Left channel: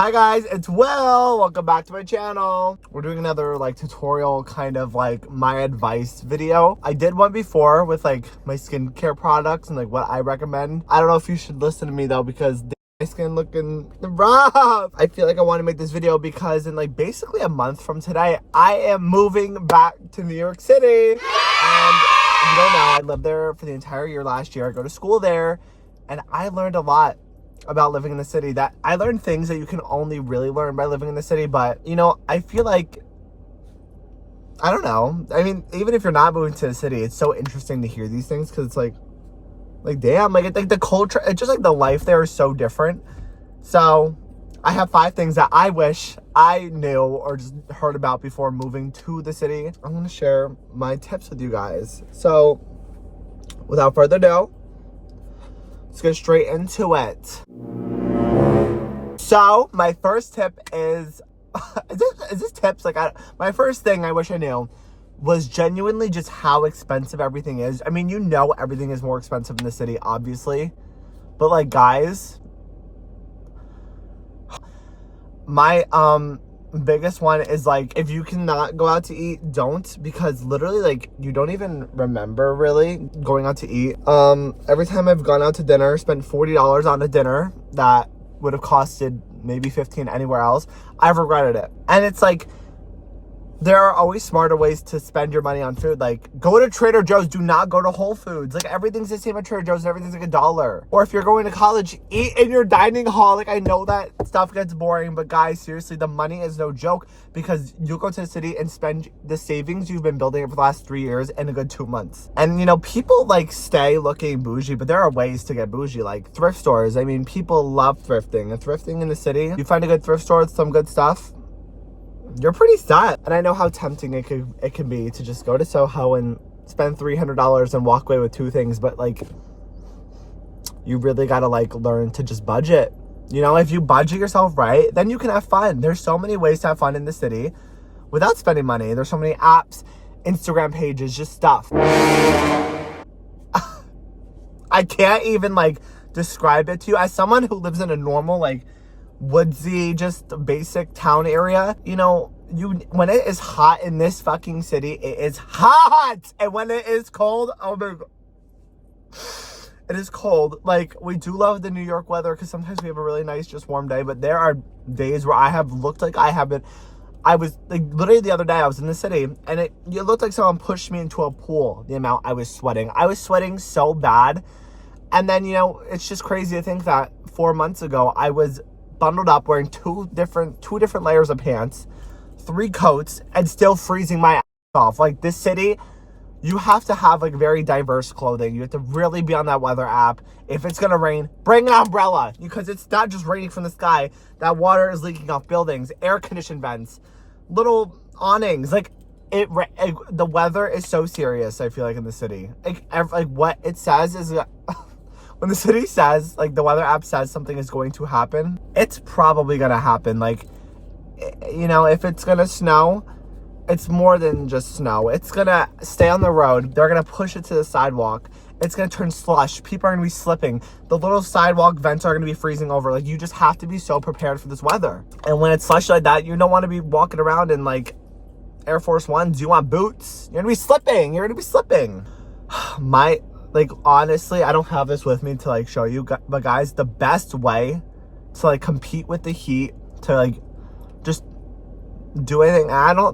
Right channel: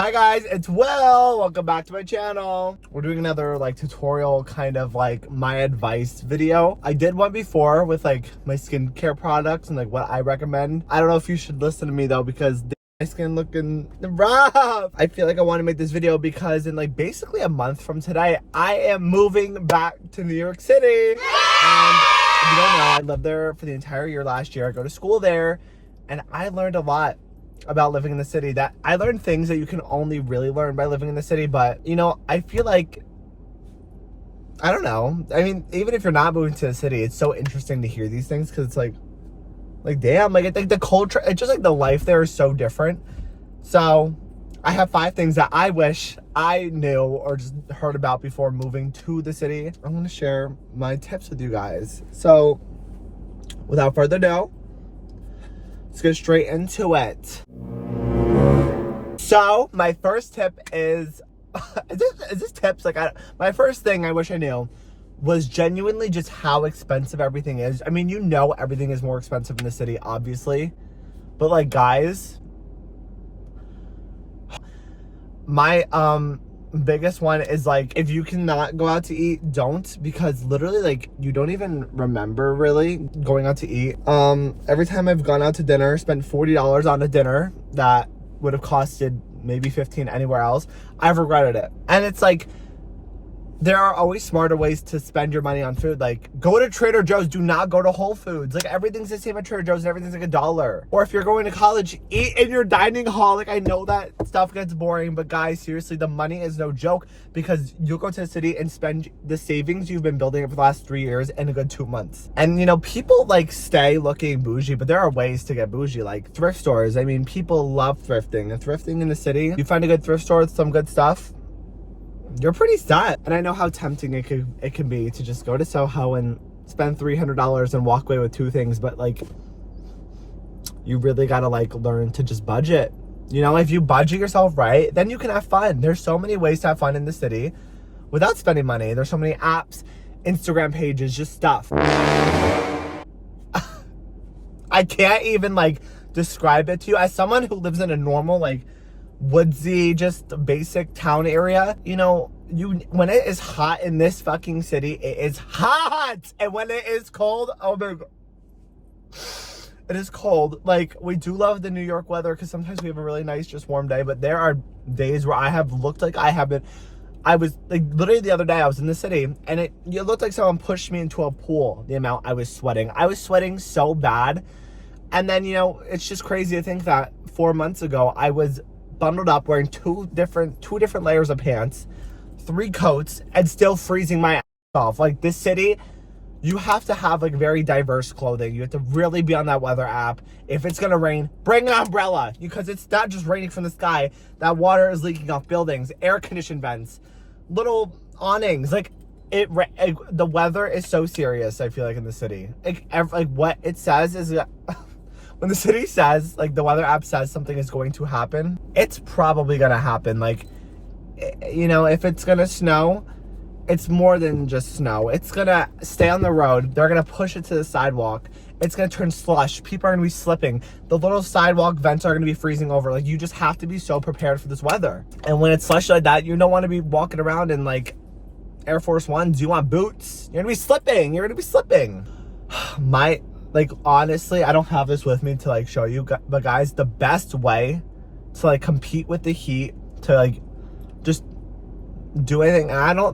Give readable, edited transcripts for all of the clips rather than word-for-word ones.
Hi guys, it's Will. Welcome back to my channel. We're doing another like tutorial kind of like my advice video. I did one before with like my skincare products and like what I recommend. I don't know if you should listen to me though because my skin looking rough. I feel like I want to make this video because in like basically a month from today, I am moving back to New York City. And if you don't know, I lived there for the entire year last year. I go to school there and I learned a lot about living in the city. That I learned things that you can only really learn by living in the city. But you know, I feel like, I don't know, I mean, even if you're not moving to the city, it's so interesting to hear these things because it's like damn, like the culture, it's just like the life there is so different. So I have 5 things that I wish I knew or just heard about before moving to the city. I'm gonna share my tips with you guys. So without further ado, let's get straight into it. So my first tip is this tips? Like my first thing I wish I knew was genuinely just how expensive everything is. I mean, you know, everything is more expensive in the city, obviously, but like guys, my biggest one is like, if you cannot go out to eat, don't, because literally like you don't even remember really going out to eat. Every time I've gone out to dinner, spent $40 on a dinner that would have costed maybe $15 anywhere else, I've regretted it. And it's like, there are always smarter ways to spend your money on food. Like, go to Trader Joe's, do not go to Whole Foods. Like, everything's the same at Trader Joe's and everything's like $1. Or if you're going to college, eat in your dining hall. Like, I know that stuff gets boring, but guys, seriously, the money is no joke because you'll go to the city and spend the savings you've been building for the last 3 years in a good 2 months. And, you know, people like stay looking bougie, but there are ways to get bougie, like thrift stores. I mean, people love thrifting. And thrifting in the city, you find a good thrift store with some good stuff, you're pretty set. And I know how tempting it can be to just go to Soho and spend $300 and walk away with 2 things, but like, you really gotta like learn to just budget. You know, if you budget yourself right, then you can have fun. There's so many ways to have fun in the city without spending money. There's so many apps, Instagram pages, just stuff. I can't even like describe it to you as someone who lives in a normal like woodsy, just basic town area. You know, when it is hot in this fucking city, it is hot. And when it is cold, oh my god, it is cold. Like, we do love the New York weather because sometimes we have a really nice, just warm day, but there are days where I have looked like I was like, literally the other day I was in the city and it looked like someone pushed me into a pool, the amount I was sweating. I was sweating so bad. And then, you know, it's just crazy to think that 4 months ago I was bundled up wearing two different layers of pants, 3 coats, and still freezing my ass off. Like, this city, you have to have like very diverse clothing. You have to really be on that weather app. If it's gonna rain, bring an umbrella, because it's not just raining from the sky. That water is leaking off buildings, air conditioned vents, little awnings. Like, the weather is so serious, I feel like, in the city. Like what it says is that when the city says, like the weather app says something is going to happen, it's probably gonna happen. Like, you know, if it's gonna snow, it's more than just snow. It's gonna stay on the road. They're gonna push it to the sidewalk. It's gonna turn slush. People are gonna be slipping. The little sidewalk vents are gonna be freezing over. Like, you just have to be so prepared for this weather. And when it's slush like that, you don't wanna be walking around in like Air Force Ones. You want boots. You're gonna be slipping. Like, honestly, I don't have this with me to like show you, but guys, the best way to like compete with the heat, to like just do anything,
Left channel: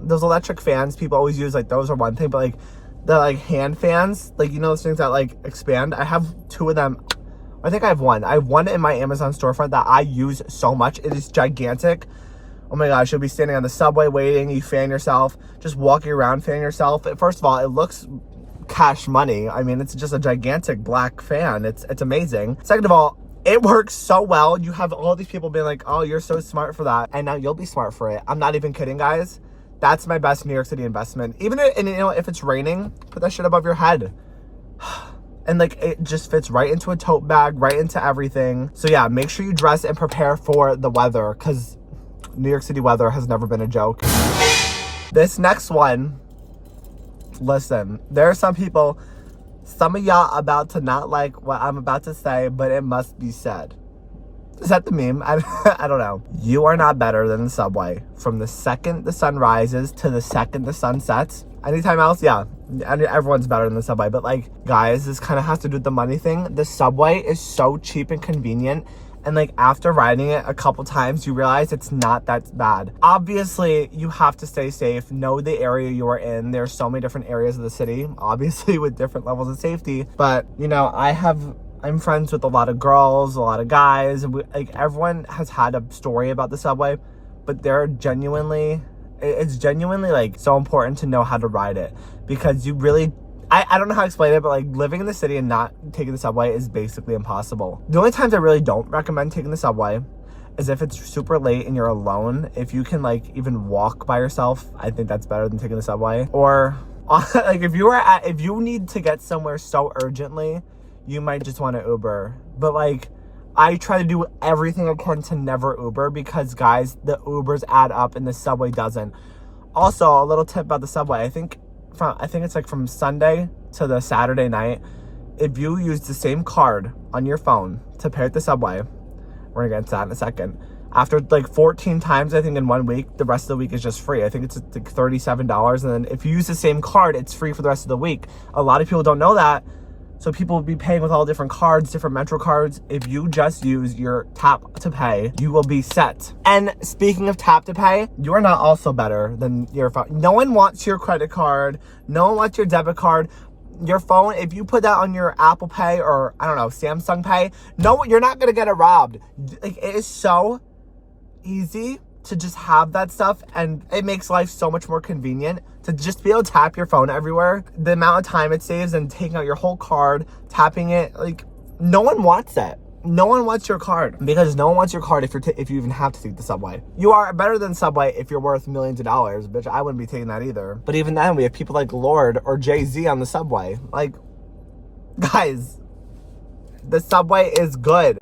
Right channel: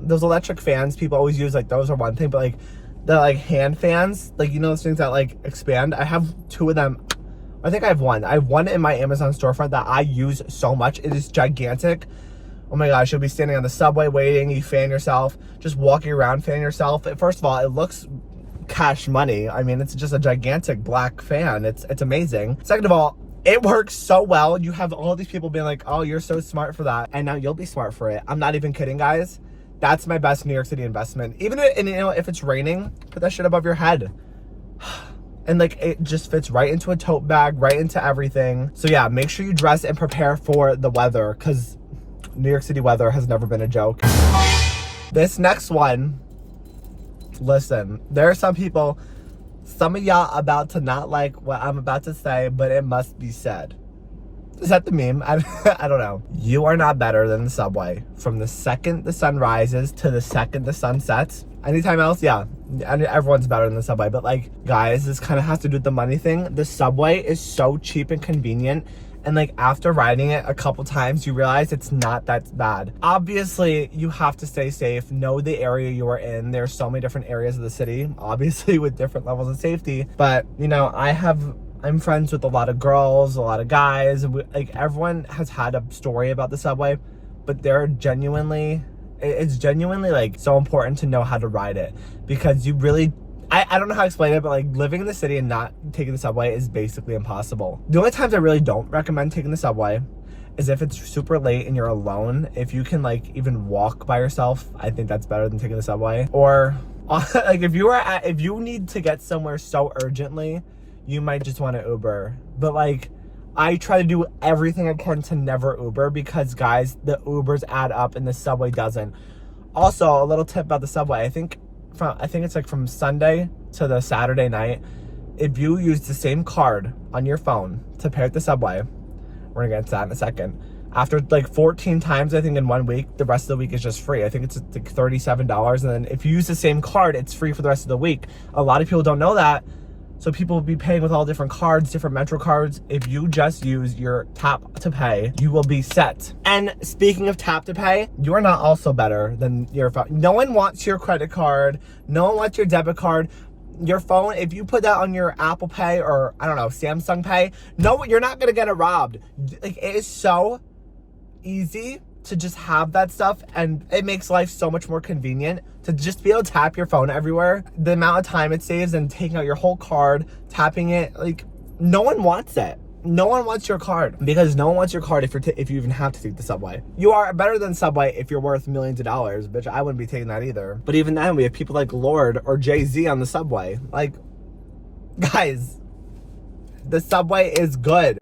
those electric fans people always use, like those are one thing, but like the like hand fans, like, you know, those things that like expand, I have 2 of them. I think I have one in my Amazon storefront that I use so much. It is gigantic. Oh my gosh, you'll be standing on the subway waiting, you fan yourself, just walking around fanning yourself. First of all, it looks cash money. I mean, it's just a gigantic black fan. It's amazing. Second of all, it works so well. You have all these people being like, oh, you're so smart for that, and now you'll be smart for it. I'm not even kidding, guys. That's my best New York City investment. Even if, and you know, if it's raining, put that shit above your head. And like, it just fits right into a tote bag, right into everything. So yeah, make sure you dress and prepare for the weather, because New York City weather has never been a joke. This next one, listen, there are some people, some of y'all about to not like what I'm about to say, but it must be said. Is that the meme? I don't know. You are not better than the subway. From the second the sun rises to the second the sun sets. Anytime else, yeah, everyone's better than the subway. But like, guys, this kind of has to do with the money thing. The subway is so cheap and convenient. And like, after riding it a couple times, you realize it's not that bad. Obviously, you have to stay safe. Know the area you are in. There's so many different areas of the city, obviously with different levels of safety. But, you know, I'm friends with a lot of girls, a lot of guys. Like, everyone has had a story about the subway, but it's genuinely like so important to know how to ride it, because you really, I don't know how to explain it, but like, living in the city and not taking the subway is basically impossible. The only times I really don't recommend taking the subway is if it's super late and you're alone. If you can like even walk by yourself, I think that's better than taking the subway. Or like, if you need to get somewhere so urgently, you might just want to Uber. But like, I try to do everything I can to never Uber, because guys, the Ubers add up and the subway doesn't. Also, a little tip about the subway. I think it's like from Sunday to the Saturday night, if you use the same card on your phone to pay at the subway, we're gonna get into that in a second. After like 14 times, I think in 1 week, the rest of the week is just free. I think it's like $37. And then if you use the same card, it's free for the rest of the week. A lot of people don't know that. So people will be paying with all different cards, different Metro cards. If you just use your tap to pay, you will be set. And speaking of tap to pay, you are not also better than your phone. No one wants your credit card. No one wants your debit card. Your phone, if you put that on your Apple Pay or, I don't know, Samsung Pay, no, you're not going to get it robbed. Like, it is so easy to just have that stuff, and it makes life so much more convenient to just be able to tap your phone everywhere. The amount of time it saves and taking out your whole card, tapping it, like, no one wants that. No one wants your card, because no one wants your card if you even have to take the subway. You are better than subway if you're worth millions of dollars, bitch. I wouldn't be taking that either. But even then, we have people like Lorde or Jay-Z on the subway. Like, guys, the subway is good.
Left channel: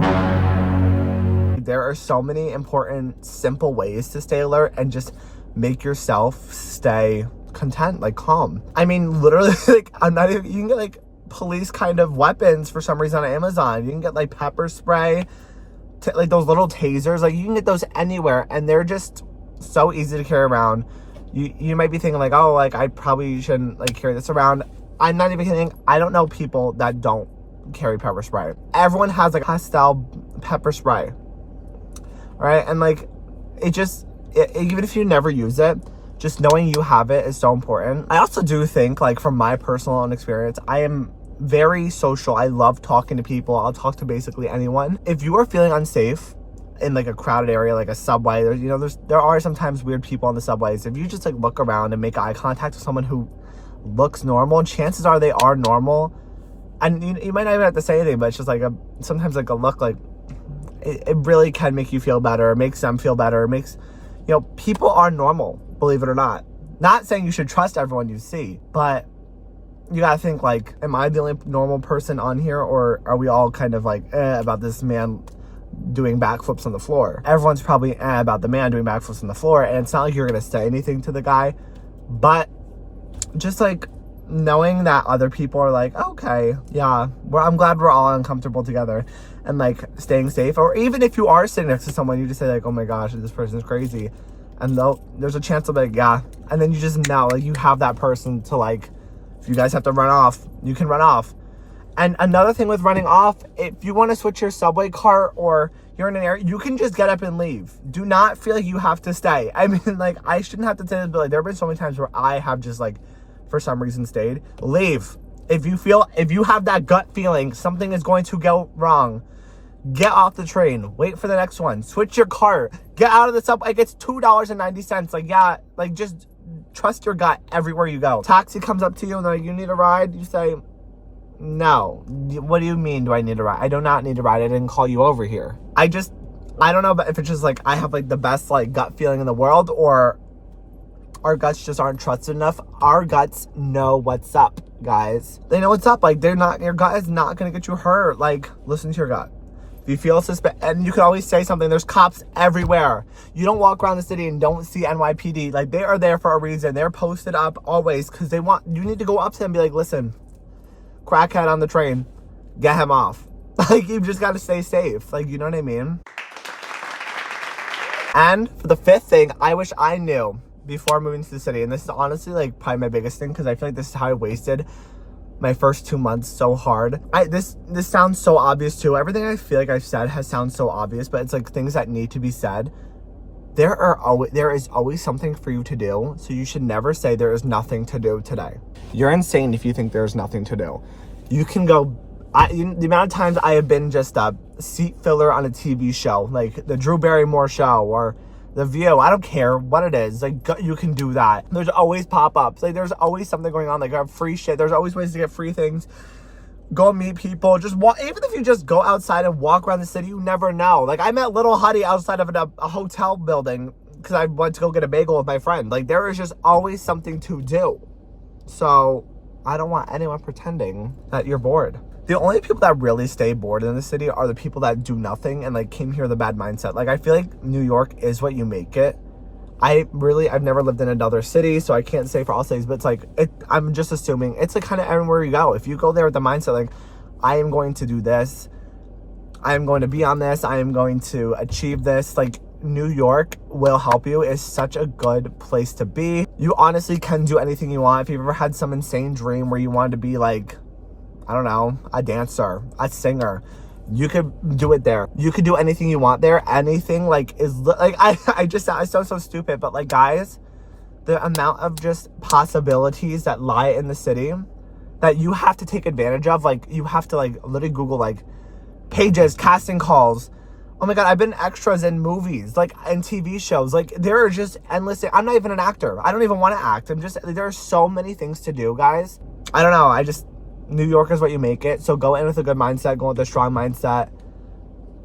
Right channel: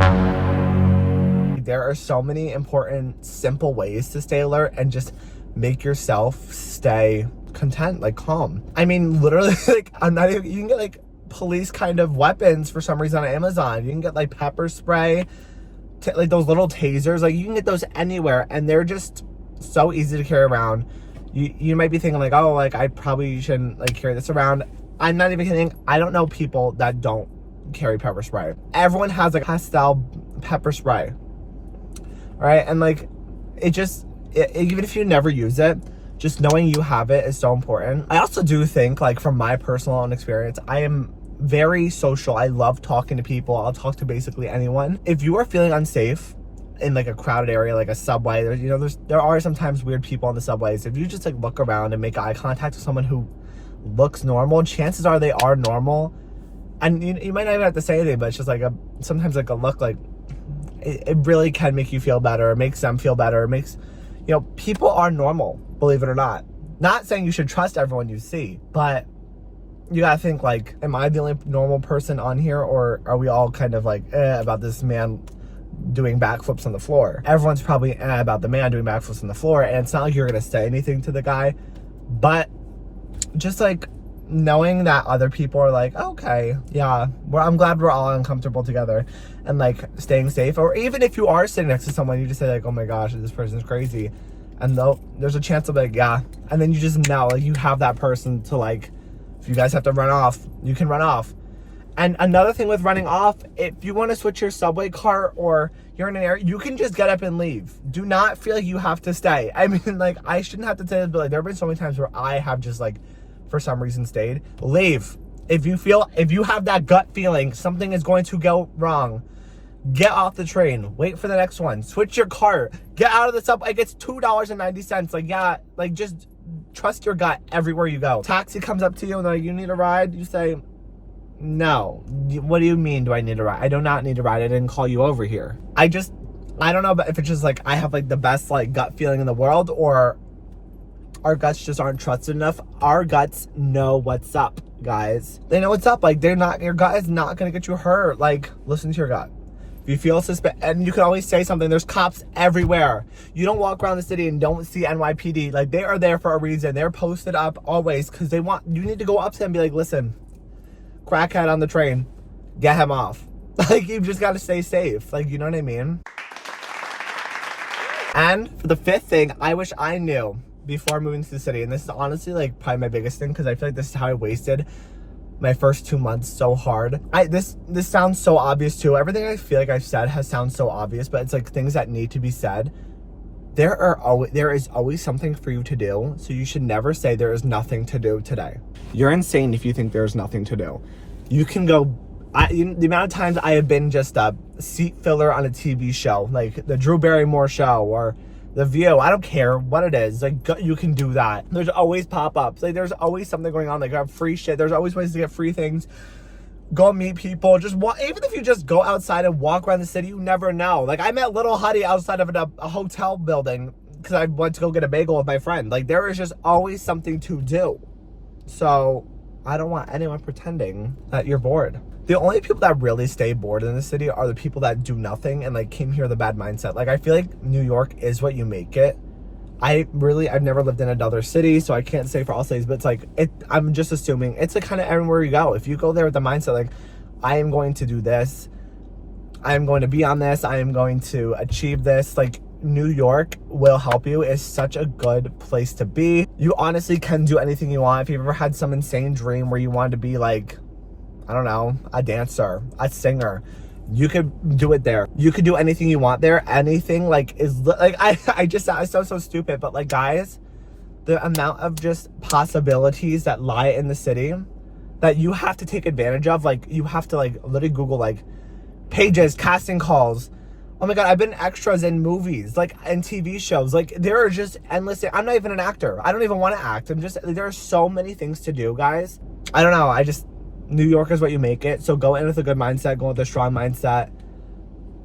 There are so many important, simple ways to stay alert and just make yourself stay content, like calm. I mean, literally, like, you can get like police kind of weapons for some reason on Amazon. You can get like pepper spray, like those little tasers. Like, you can get those anywhere, and they're just so easy to carry around. You might be thinking like, oh, like, I probably shouldn't like carry this around. I'm not even kidding. I don't know people that don't carry pepper spray. Everyone has like pastel pepper spray. All right, and like, even if you never use it, just knowing you have it is so important. I also do think, like, from my personal own experience, I am very social. I love talking to people. I'll talk to basically anyone. If you are feeling unsafe in like a crowded area, like a subway, there are sometimes weird people on the subways. If you just like look around and make eye contact with someone who looks normal, chances are they are normal. And you might not even have to say anything, but it's just like sometimes like a look, like, it really can make you feel better. It makes them feel better. It makes, people are normal, believe it or not. Not saying you should trust everyone you see, but you gotta think, like, am I the only normal person on here, or are we all kind of like about this man doing backflips on the floor? Everyone's probably about the man doing backflips on the floor, and it's not like you're gonna say anything to the guy, but just like knowing that other people are like, okay, yeah, I'm glad we're all uncomfortable together, and like staying safe. Or even if you are sitting next to someone, you just say like, oh my gosh, this person is crazy, and there's a chance of like, yeah, and then you just know, like, you have that person to, like, if you guys have to run off, you can run off. And another thing with running off, if you want to switch your subway cart or you're in an area, you can just get up and leave. Do not feel like you have to stay. I mean, like, I shouldn't have to say this, but like, there have been so many times where I have just like, for some reason, stayed. Leave. If you have that gut feeling something is going to go wrong, get off the train. Wait for the next one. Switch your cart. Get out of the subway. Like, it's $2.90. Like, yeah, like, just trust your gut everywhere you go. Taxi comes up to you and they're like, you need a ride? You say, no. What do you mean, do I need a ride? I do not need a ride. I didn't call you over here. I don't know, but if it's just like, I have like the best like gut feeling in the world, or our guts just aren't trusted enough. Our guts know what's up, guys. They know what's up. Like, your gut is not gonna get you hurt. Like, listen to your gut. If you feel suspicious, and you can always say something. There's cops everywhere. You don't walk around the city and don't see NYPD. Like, they are there for a reason. They're posted up always because you need to go up to them and be like, listen, crackhead on the train, get him off. Like, you've just got to stay safe. Like, you know what I mean? And for the fifth thing, I wish I knew before moving to the city, and this is honestly like probably my biggest thing, because I feel like this is how I wasted my first 2 months so hard. This sounds so obvious too. Everything I feel like I've said has sounds so obvious, but it's like things that need to be said. There is always something for you to do, so you should never say there is nothing to do today. You're insane if you think there's nothing to do. You can go. The amount of times I have been just a seat filler on a TV show, like the Drew Barrymore show or The View. I don't care what it is. Like, you can do that. There's always pop-ups. Like, there's always something going on. Like, I have free shit. There's always ways to get free things. Go meet people. Just walk. Even if you just go outside and walk around the city, you never know. Like, I met Little Huddy outside of a hotel building because I went to go get a bagel with my friend. Like, there is just always something to do. So, I don't want anyone pretending that you're bored. The only people that really stay bored in the city are the people that do nothing and like came here with a bad mindset. Like, I feel like New York is what you make it. I've never lived in another city, so I can't say for all cities, but it's like, I'm just assuming it's like kind of everywhere you go. If you go there with the mindset, like, I am going to do this, I am going to be on this, I am going to achieve this, like, New York will help you. It's such a good place to be. You honestly can do anything you want. If you've ever had some insane dream where you wanted to be like, I don't know, a dancer, a singer, you could do it there. You could do anything you want there. Anything like is like, I sound so stupid, but like, guys, the amount of just possibilities that lie in the city that you have to take advantage of. Like, you have to like literally Google like pages, casting calls. Oh my God, I've been extras in movies, like in TV shows. Like, there are just endless. I'm not even an actor. I don't even want to act. There are so many things to do, guys. I don't know. New York is what you make it. So go in with a good mindset, go with a strong mindset,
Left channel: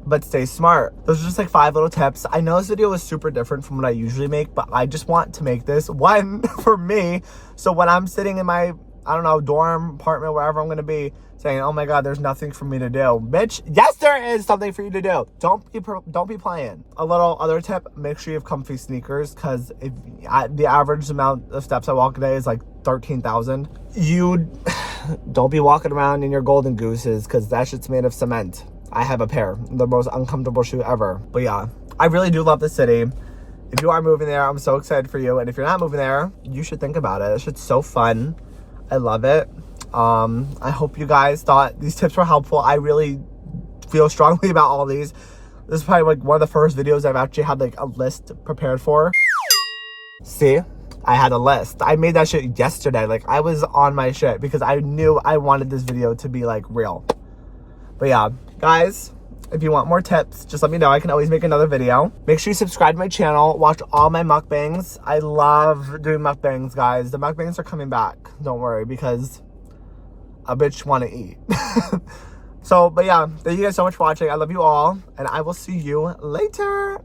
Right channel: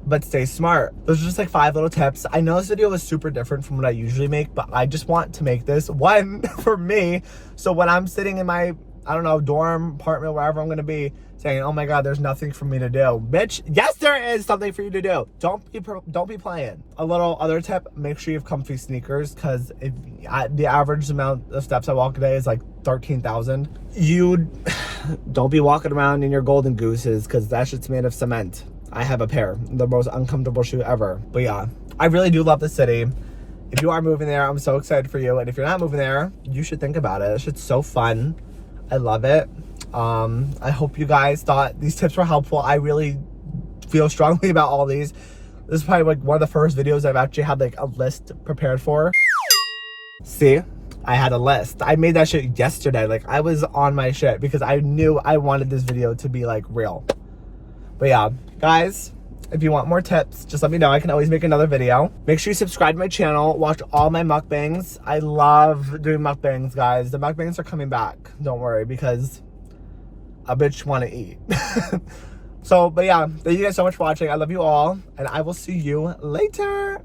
but stay smart. Those are just like 5 little tips. I know this video was super different from what I usually make, but I just want to make this one for me. So when I'm sitting in my, I don't know, dorm, apartment, wherever I'm going to be, saying, oh my God, there's nothing for me to do. Bitch, yes, there is something for you to do. Don't be playing. A little other tip, make sure you have comfy sneakers, because if the average amount of steps I walk a day is like 13,000. You don't be walking around in your golden gooses, because that shit's made of cement. I have a pair, the most uncomfortable shoe ever. But yeah, I really do love the city. If you are moving there, I'm so excited for you. And if you're not moving there, you should think about it. It's just so fun. I love it. I hope you guys thought these tips were helpful. I really feel strongly about all these. This is probably like one of the first videos I've actually had like a list prepared for. See, I had a list. I made that shit yesterday. Like, I was on my shit because I knew I wanted this video to be like real. But yeah, guys, if you want more tips, just let me know. I can always make another video. Make sure you subscribe to my channel. Watch all my mukbangs. I love doing mukbangs, guys. The mukbangs are coming back. Don't worry, because a bitch want to eat. So, but yeah, thank you guys so much for watching. I love you all, and I will see you later.